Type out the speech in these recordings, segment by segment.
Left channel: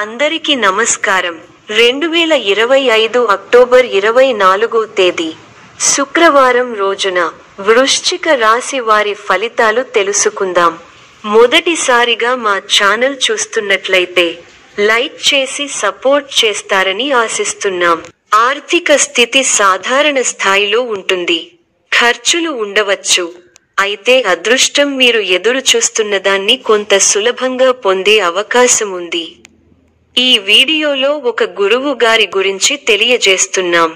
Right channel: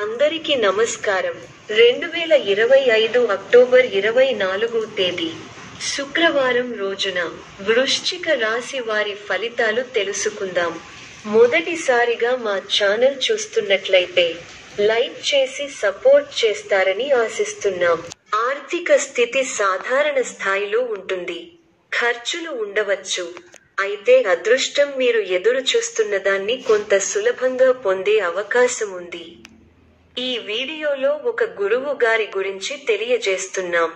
అందరికీ నమస్కారం. 2025 అక్టోబర్ 24 తేదీ శుక్రవారం రోజున వృశ్చిక రాశి వారి ఫలితాలు తెలుసుకుందాం. మొదటిసారిగా మా ఛానల్ చూస్తున్నట్లయితే లైక్ చేసి సపోర్ట్ చేస్తారని ఆశిస్తున్నాం. ఆర్థిక స్థితి సాధారణ స్థాయిలో ఉంటుంది. ఖర్చులు ఉండవచ్చు. అయితే అదృష్టం మీరు ఎదురు చూస్తున్నదాన్ని కొంత సులభంగా పొందే అవకాశం ఉంది. ఈ వీడియోలో ఒక గురువు గారి గురించి తెలియజేస్తున్నాం.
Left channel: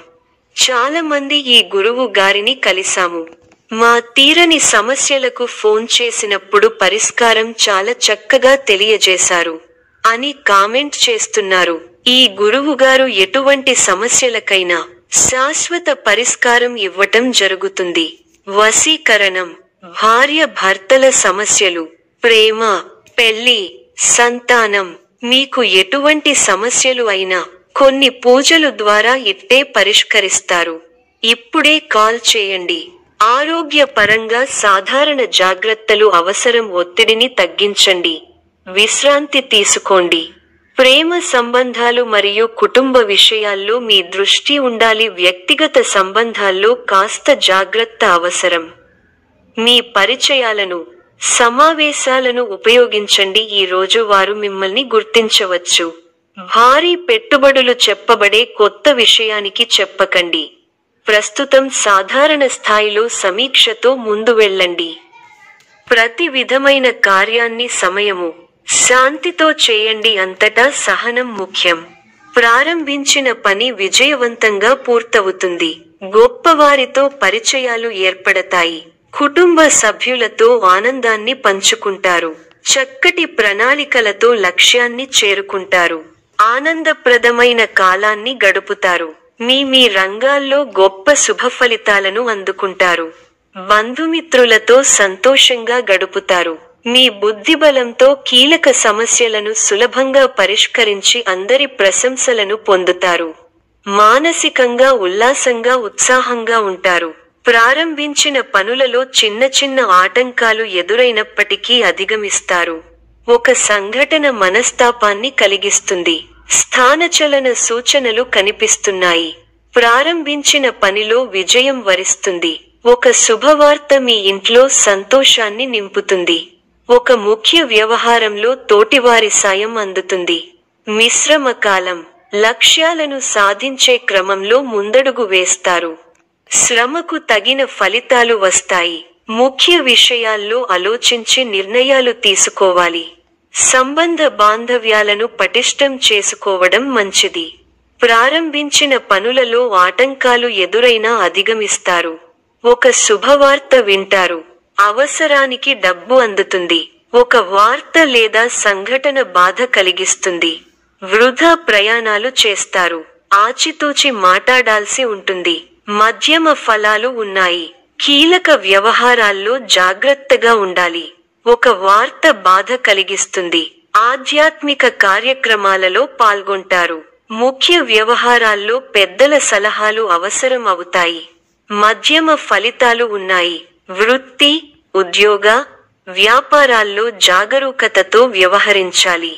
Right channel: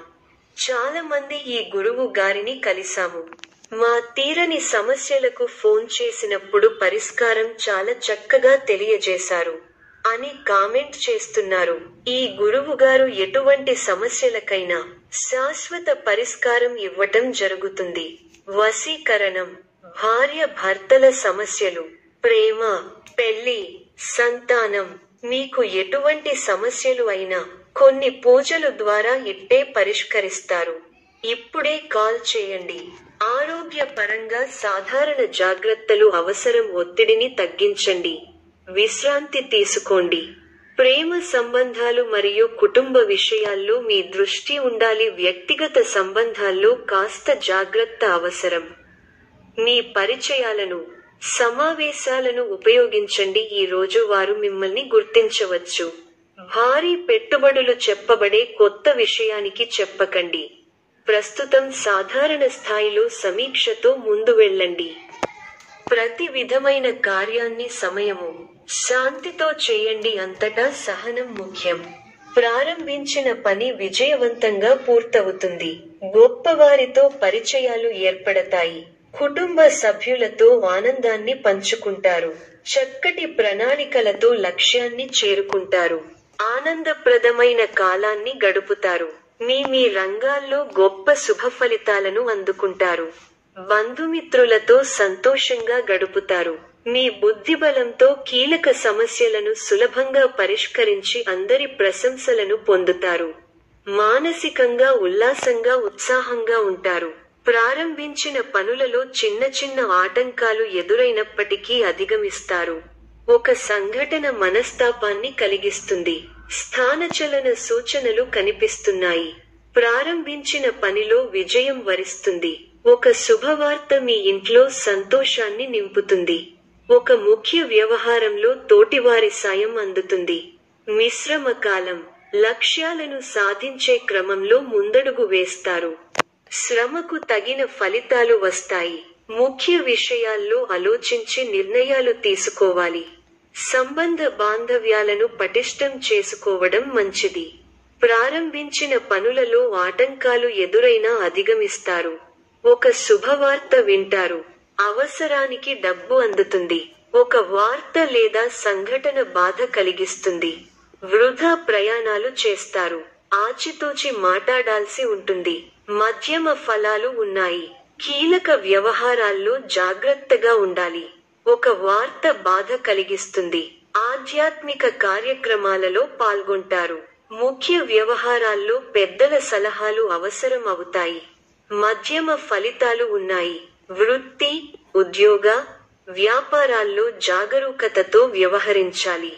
చాలా మంది ఈ గురువు గారిని కలిసాము. మా తీరని సమస్యలకు ఫోన్ చేసినప్పుడు పరిష్కారం చాలా చక్కగా తెలియజేశారు అని కామెంట్ చేస్తున్నారు. ఈ గురువు గారు ఎటువంటి సమస్యలకైనా శాశ్వత పరిష్కారం ఇవ్వటం జరుగుతుంది. వశీకరణం, భార్య భర్తల సమస్యలు, ప్రేమ, పెళ్లి, సంతానం, మీకు ఎటువంటి సమస్యలు అయినా కొన్ని పూజలు ద్వారా ఇట్టే పరిష్కరిస్తారు. ఇప్పుడే కాల్ చేయండి. ఆరోగ్య పరంగా సాధారణ జాగ్రత్తలు అవసరం. ఒత్తిడిని తగ్గించండి. విశ్రాంతి తీసుకోండి. ప్రేమ సంబంధాలు మరియు కుటుంబ విషయాల్లో మీ దృష్టి ఉండాలి. వ్యక్తిగత సంబంధాల్లో కాస్త జాగ్రత్త అవసరం. మీ పరిచయాలను, సమావేశాలను ఉపయోగించండి. ఈ రోజు వారు మిమ్మల్ని గుర్తించవచ్చు. భారీ పెట్టుబడులు చెప్పబడే కొత్త విషయానికి చెప్పకండి. ప్రస్తుతం సాధారణ స్థాయిలో సమీక్షతో ముందు వెళ్ళండి. ప్రతి విధమైన కార్యాన్ని సమయము, శాంతితో చేయండి. అంతటా సహనం ముఖ్యం. ప్రారంభించిన పని విజయవంతంగా పూర్తవుతుంది. గొప్పవారితో పరిచయాలు ఏర్పడతాయి. కుటుంబ సభ్యులతో ఆనందాన్ని పంచుకుంటారు. చక్కటి ప్రణాళికలతో లక్ష్యాన్ని చేరుకుంటారు. ఆనందప్రదమైన కాలాన్ని గడుపుతారు. మీ రంగాల్లో గొప్ప శుభఫలితాలను అందుకుంటారు. బంధుమిత్రులతో సంతోషంగా గడుపుతారు. మీ బుద్ధిబలంతో కీలక సమస్యలను సులభంగా పరిష్కరించి అందరి ప్రశంసలను పొందుతారు. మానసికంగా ఉల్లాసంగా ఉత్సాహంగా ఉంటారు. ప్రారంభించిన పనులలో చిన్న చిన్న ఆటంకాలు ఎదురైనప్పటికీ అధిగమిస్తారు. ఒక సంఘటన మనస్తాపాన్ని కలిగిస్తుంది. స్థానచలన సూచనలు కనిపిస్తున్నాయి. ప్రారంభించిన పనిలో విజయం వరిస్తుంది. ఒక శుభవార్త మీ ఇంట్లో సంతోషాన్ని నింపుతుంది. ఒక ముఖ్య వ్యవహారంలో తోటివారి సాయం అందుతుంది. మిశ్రమ కాలం. లక్ష్యాలను సాధించే క్రమంలో ముందడుగు వేస్తారు. శ్రమకు తగిన ఫలితాలు వస్తాయి. ముఖ్య విషయాల్లో ఆలోచించి నిర్ణయాలు తీసుకోవాలి. సంబంధ బాంధవ్యాలను పటిష్టం చేసుకోవడం మంచిది. ప్రారంభించిన పనులలో ఆటంకాలు ఎదురైనా అధిగమిస్తారు. ఒక శుభవార్త వింటారు. అవసరానికి డబ్బు అందుతుంది. ఒక వార్త లేదా సంఘటన బాధ కలిగిస్తుంది. వృధా ప్రయాణాలు చేస్తారు. ఆచితూచి మాట్లాడాల్సి ఉంటుంది. మధ్యమ ఫలాలు ఉన్నాయి. కీలక వ్యవహారాల్లో జాగ్రత్తగా ఉండాలి. ఒక వార్త బాధ కలిగిస్తుంది. ఆధ్యాత్మిక కార్యక్రమాలలో పాల్గొంటారు. ముఖ్య వ్యవహారాల్లో పెద్దల సలహాలు అవసరం అవుతాయి. మధ్యమ ఫలితాలు ఉన్నాయి. వృత్తి, ఉద్యోగ, వ్యాపారాల్లో జాగరూకతతో వ్యవహరించాలి.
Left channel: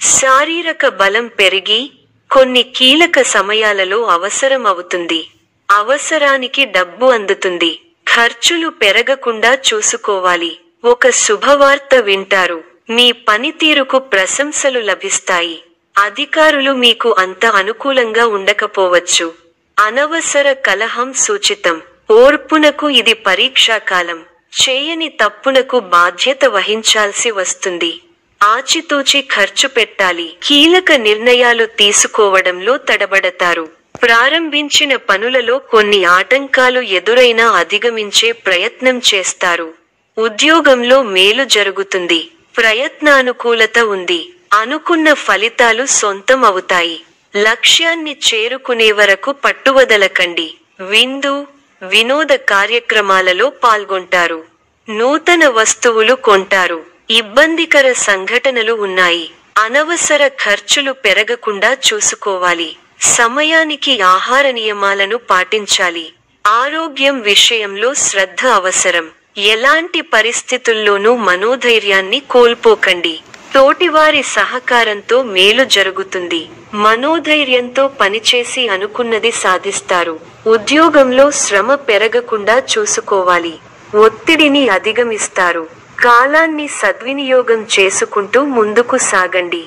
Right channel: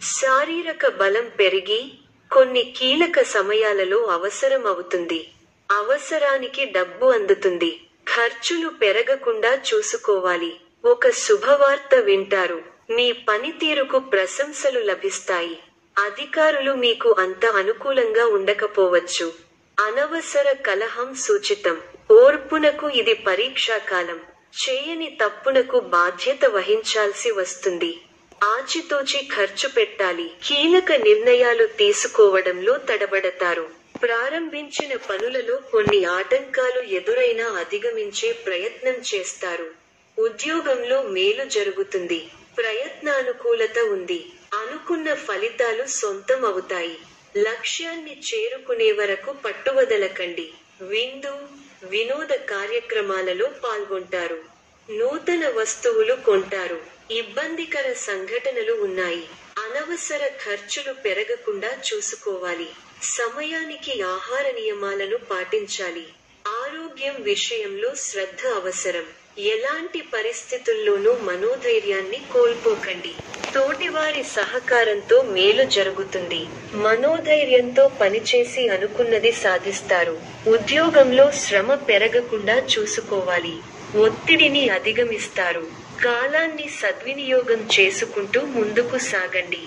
శారీరక బలం పెరిగి కొన్ని కీలక సమయాలలో అవసరం అవుతుంది. అవసరానికి డబ్బు అందుతుంది. ఖర్చులు పెరగకుండా చూసుకోవాలి. ఒక శుభవార్త వింటారు. మీ పనితీరుకు ప్రశంసలు లభిస్తాయి. అధికారులు మీకు అంత అనుకూలంగా ఉండకపోవచ్చు. అనవసర కలహం సూచితం. ఓర్పునకు ఇది పరీక్షాకాలం. చేయని తప్పునకు బాధ్యత వహించాల్సి వస్తుంది. ఆచితూచి ఖర్చు పెట్టాలి. కీలక నిర్ణయాలు తీసుకోవడంలో తడబడతారు. ప్రారంభించిన పనులలో కొన్ని ఆటంకాలు ఎదురైనా అధిగమించే ప్రయత్నం చేస్తారు. ఉద్యోగంలో మేలు జరుగుతుంది. ప్రయత్నానుకూలత ఉంది. అనుకున్న ఫలితాలు సొంతం అవుతాయి. లక్ష్యాన్ని చేరుకునే వరకు పట్టువదలకండి. విందు, వినోద కార్యక్రమాలలో పాల్గొంటారు. నూతన వస్తువులు కొంటారు. ఇబ్బందికర సంఘటనలు ఉన్నాయి. అనవసర ఖర్చులు పెరగకుండా చూసుకోవాలి. సమయానికి ఆహార నియమాలను పాటించాలి. ఆరోగ్యం విషయంలో శ్రద్ధ అవసరం. ఎలాంటి పరిస్థితుల్లోనూ మనోధైర్యాన్ని కోల్పోకండి. తోటివారి సహకారంతో మేలు జరుగుతుంది. మనోధైర్యంతో పనిచేసి అనుకున్నది సాధిస్తారు. ఉద్యోగంలో శ్రమ పెరగకుండా చూసుకోవాలి. ఒత్తిడిని అధిగమిస్తారు. కాలాన్ని సద్వినియోగం చేసుకుంటూ ముందుకు సాగండి.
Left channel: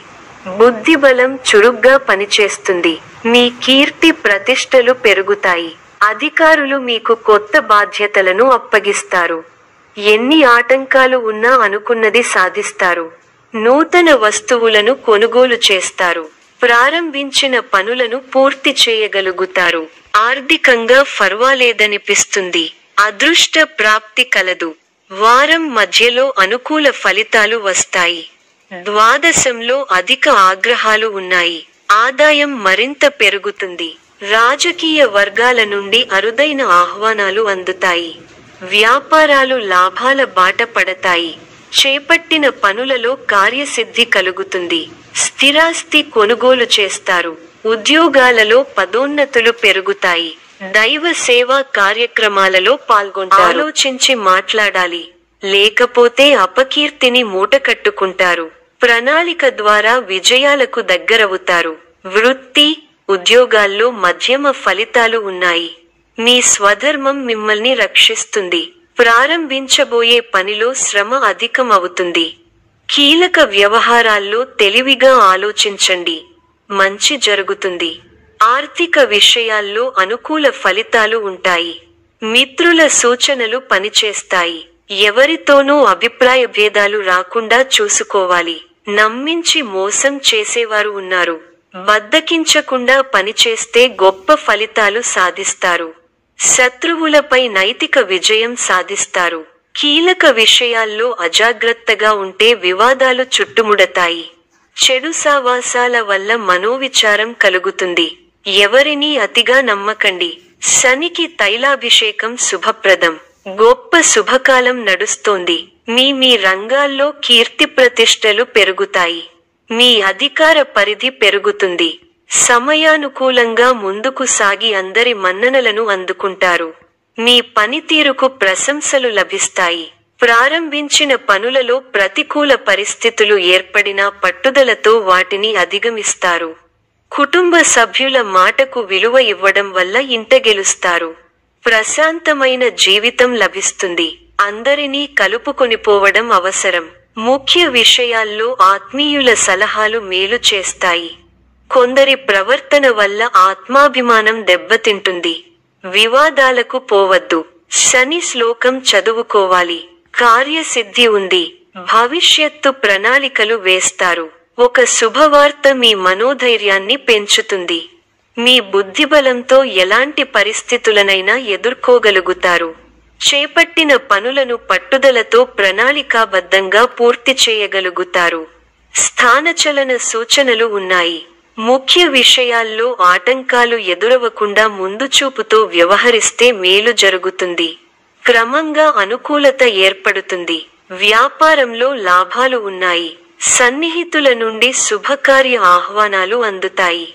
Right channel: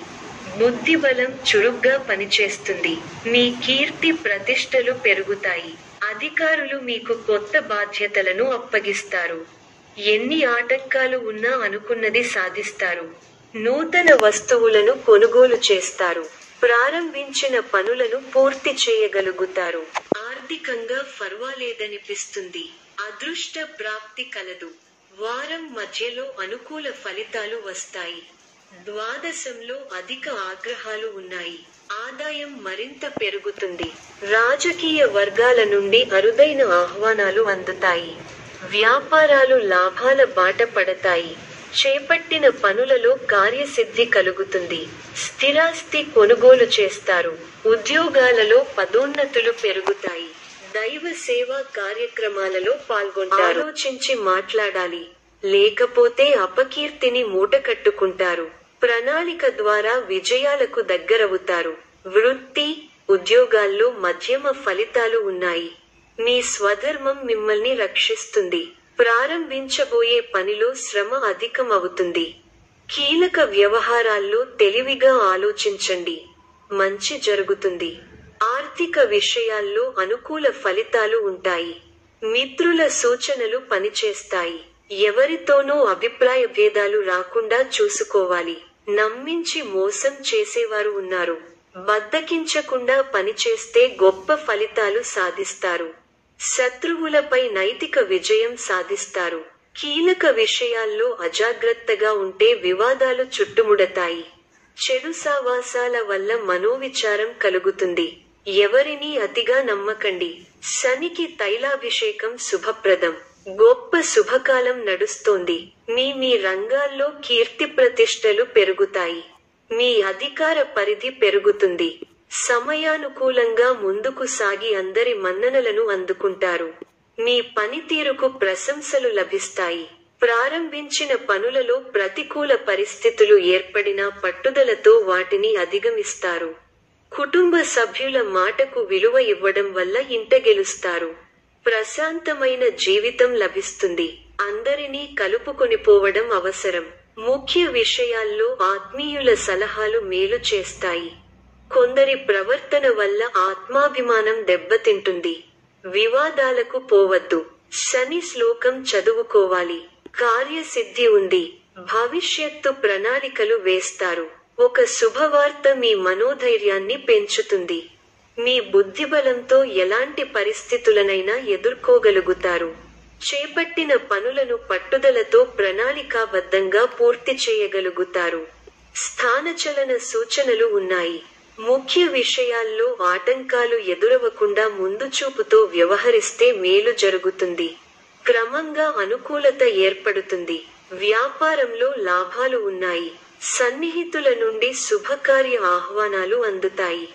బుద్ధిబలం చురుగ్గా పనిచేస్తుంది. మీ కీర్తి ప్రతిష్టలు పెరుగుతాయి. అధికారులు మీకు కొత్త బాధ్యతలను అప్పగిస్తారు. ఎన్ని ఆటంకాలు ఉన్నా అనుకున్నది సాధిస్తారు. నూతన వస్తువులను కొనుగోలు చేస్తారు. ప్రారంభించిన పనులను పూర్తి చేయగలుగుతారు. ఆర్థికంగా ఫర్వాలేదనిపిస్తుంది. అదృష్ట ప్రాప్తి కలదు. వారం మధ్యలో అనుకూల ఫలితాలు వస్తాయి. ద్వాదశంలో అధిక ఆగ్రహాలు ఉన్నాయి. ఆదాయం మరింత పెరుగుతుంది. రాజకీయ వర్గాల నుండి అరుదైన ఆహ్వానాలు అందుతాయి. వ్యాపారాలు లాభాల బాట పడతాయి. చేపట్టిన పనులలో కార్యసిద్ధి కలుగుతుంది. స్థిరాస్తి కొనుగోలు చేస్తారు. ఉద్యోగాలలో పదోన్నతులు పెరుగుతాయి. దైవ సేవా కార్యక్రమాలలో పాల్గొంటారు. ఆలోచించి మాట్లాడాలి, లేకపోతే అపకీర్తిని మూటకట్టుకుంటారు. ప్రణాళిక ద్వారా విజయాలకు దగ్గరవుతారు. వృత్తి, ఉద్యోగాల్లో మధ్యమ ఫలితాలు ఉన్నాయి. మీ స్వధర్మం మిమ్మల్ని రక్షిస్తుంది. ప్రారంభించబోయే పనిలో శ్రమ అధికమవుతుంది. కీలక వ్యవహారాల్లో తెలివిగా ఆలోచించండి. మంచి జరుగుతుంది. ఆర్థిక విషయాల్లో అనుకూల ఫలితాలు ఉంటాయి. మిత్రుల సూచనలు పనిచేస్తాయి. ఎవరితోనూ అభిప్రాయ భేదాలు రాకుండా చూసుకోవాలి. నమ్మించి మోసం చేసేవారు ఉన్నారు. బద్దకించకుండా పనిచేస్తే గొప్ప ఫలితాలు సాధిస్తారు. శత్రువులపై నైతిక విజయం సాధిస్తారు. కీలక విషయాల్లో అజాగ్రత్తగా ఉంటే వివాదాలు చుట్టుముడతాయి. చెడు సావాసాల వల్ల మనోవిచారం కలుగుతుంది. ఎవరినీ అతిగా నమ్మకండి. శనికి తైలాభిషేకం శుభప్రదం. గొప్ప శుభకాలం నడుస్తోంది. మీ రంగాల్లో కీర్తి ప్రతిష్టలు పెరుగుతాయి. మీ అధికార పరిధి పెరుగుతుంది. సమయానుకూలంగా ముందుకు సాగి అందరి మన్ననలను అందుకుంటారు. మీ పనితీరుకు ప్రశంసలు లభిస్తాయి. ప్రారంభించిన పనులలో ప్రతికూల పరిస్థితులు ఏర్పడినా పట్టుదలతో వాటిని అధిగమిస్తారు. కుటుంబ సభ్యుల మాటకు విలువ ఇవ్వడం వల్ల ఇంట గెలుస్తారు. ప్రశాంతమైన జీవితం లభిస్తుంది. అందరినీ కలుపుకొనిపోవడం అవసరం. ముఖ్య విషయాల్లో ఆత్మీయుల సలహాలు మేలు చేస్తాయి. కొందరి ప్రవర్తన వల్ల ఆత్మాభిమానం దెబ్బతింటుంది. వివాదాలకు పోవద్దు. శని శ్లోకం చదువుకోవాలి. కార్యసిద్ధి ఉంది. భవిష్యత్తు ప్రణాళికలు వేస్తారు. ఒక శుభవార్త మీ మనోధైర్యాన్ని పెంచుతుంది. మీ బుద్ధిబలంతో ఎలాంటి పరిస్థితులనైనా ఎదుర్కోగలుగుతారు. చేపట్టిన పనులను పట్టుదలతో ప్రణాళికాబద్ధంగా పూర్తి చేయగలుగుతారు. స్థానచలన సూచనలు ఉన్నాయి. ముఖ్య విషయాల్లో ఆటంకాలు ఎదురవకుండా ముందుచూపుతో వ్యవహరిస్తే మేలు జరుగుతుంది. క్రమంగా అనుకూలత ఏర్పడుతుంది. వ్యాపారంలో లాభాలు ఉన్నాయి. సన్నిహితుల నుండి శుభకార్య ఆహ్వానాలు అందుతాయి.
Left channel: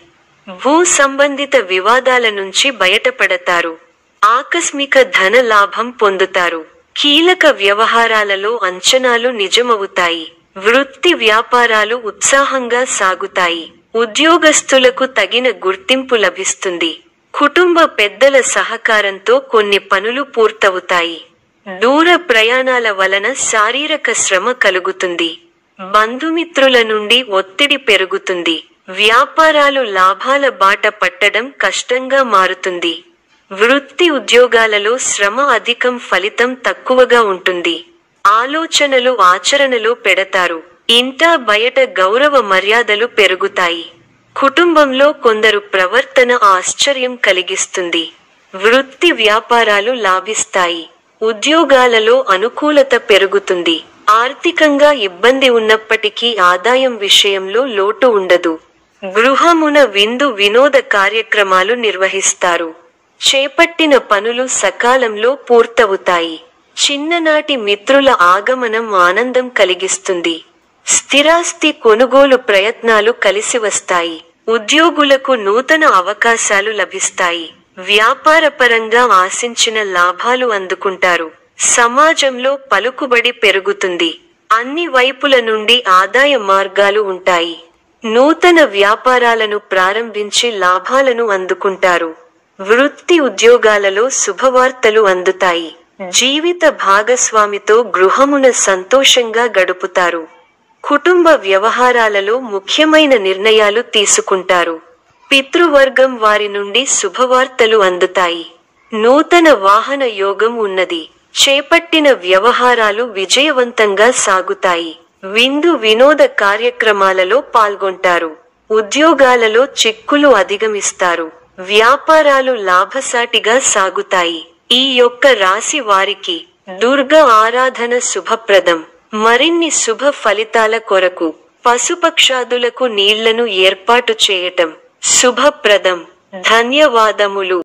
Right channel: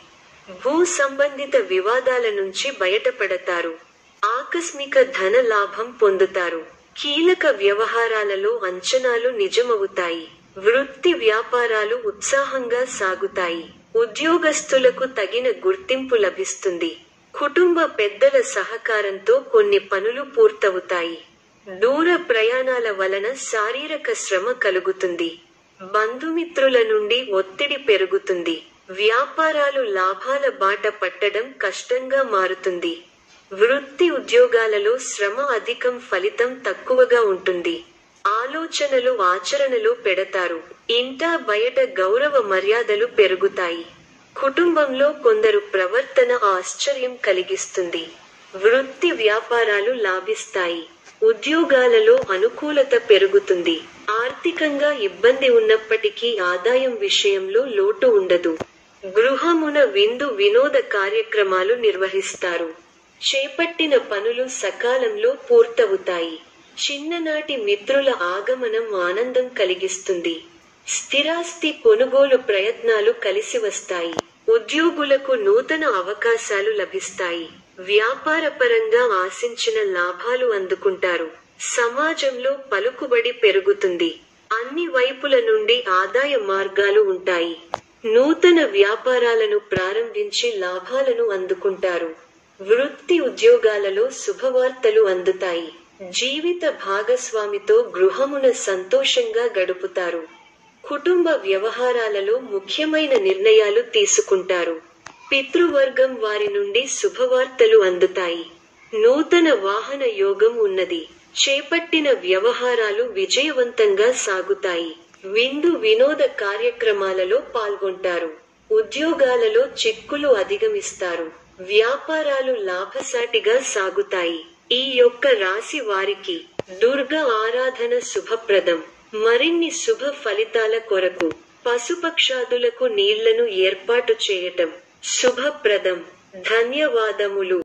భూ సంబంధిత వివాదాల నుంచి బయటపడతారు. ఆకస్మిక ధన లాభం పొందుతారు. కీలక వ్యవహారాలలో అంచనాలు నిజమవుతాయి. వృత్తి వ్యాపారాలు ఉత్సాహంగా సాగుతాయి. ఉద్యోగస్తులకు తగిన గుర్తింపు లభిస్తుంది. కుటుంబ పెద్దల సహకారంతో కొన్ని పనులు పూర్తవుతాయి. దూర ప్రయాణాల వలన శారీరక శ్రమ కలుగుతుంది. బంధుమిత్రుల నుండి ఒత్తిడి పెరుగుతుంది. వ్యాపారాలు లాభాల బాట పట్టడం కష్టంగా మారుతుంది. వృత్తి ఉద్యోగాలలో శ్రమ అధికం, ఫలితం తక్కువగా ఉంటుంది. ఆలోచనలు ఆచరణలో పెడతారు. ఇంటా బయట గౌరవ మర్యాదలు పెరుగుతాయి. కుటుంబంలో కొందరు ప్రవర్తన ఆశ్చర్యం కలిగిస్తుంది. వృత్తి వ్యాపారాలు లాభిస్తాయి. ఉద్యోగాలలో అనుకూలత పెరుగుతుంది. ఆర్థికంగా ఇబ్బంది ఉన్నప్పటికీ ఆదాయం విషయంలో లోటు ఉండదు. గృహమున విందు వినోద కార్యక్రమాలు నిర్వహిస్తారు. చేపట్టిన పనులు సకాలంలో పూర్తవుతాయి. చిన్ననాటి మిత్రుల ఆగమనం ఆనందం కలిగిస్తుంది. స్థిరాస్తి కొనుగోలు ప్రయత్నాలు కలిసి వస్తాయి. ఉద్యోగులకు నూతన అవకాశాలు లభిస్తాయి. వ్యాపారపరంగా ఆశించిన లాభాలు అందుకుంటారు. సమాజంలో పలుకుబడి పెరుగుతుంది. అన్ని వైపుల నుండి ఆదాయ మార్గాలు ఉంటాయి. నూతన వ్యాపారాలను ప్రారంభించి లాభాలను అందుకుంటారు. వృత్తి ఉద్యోగాలలో శుభవార్తలు అందుతాయి. జీవిత భాగస్వామితో గృహమున సంతోషంగా గడుపుతారు. కుటుంబ వ్యవహారాలలో ముఖ్యమైన నిర్ణయాలు తీసుకుంటారు. పితృవర్గం వారి నుండి శుభవార్తలు అందుతాయి. నూతన వాహన యోగం ఉన్నది. చేపట్టిన వ్యవహారాలు విజయవంతంగా సాగుతాయి. విందు వినోద కార్యక్రమాలలో పాల్గొంటారు. ఉద్యోగాలలో చిక్కులు అధిగమిస్తారు. వ్యాపారాలు లాభసాటిగా సాగుతాయి. ఈ యొక్క రాశి వారికి దుర్గ ఆరాధన శుభప్రదం. మరిన్ని శుభ ఫలితాల కొరకు పశుపక్షాదులకు నీళ్లను ఏర్పాటు చేయటం శుభప్రదం. ధన్యవాదములు.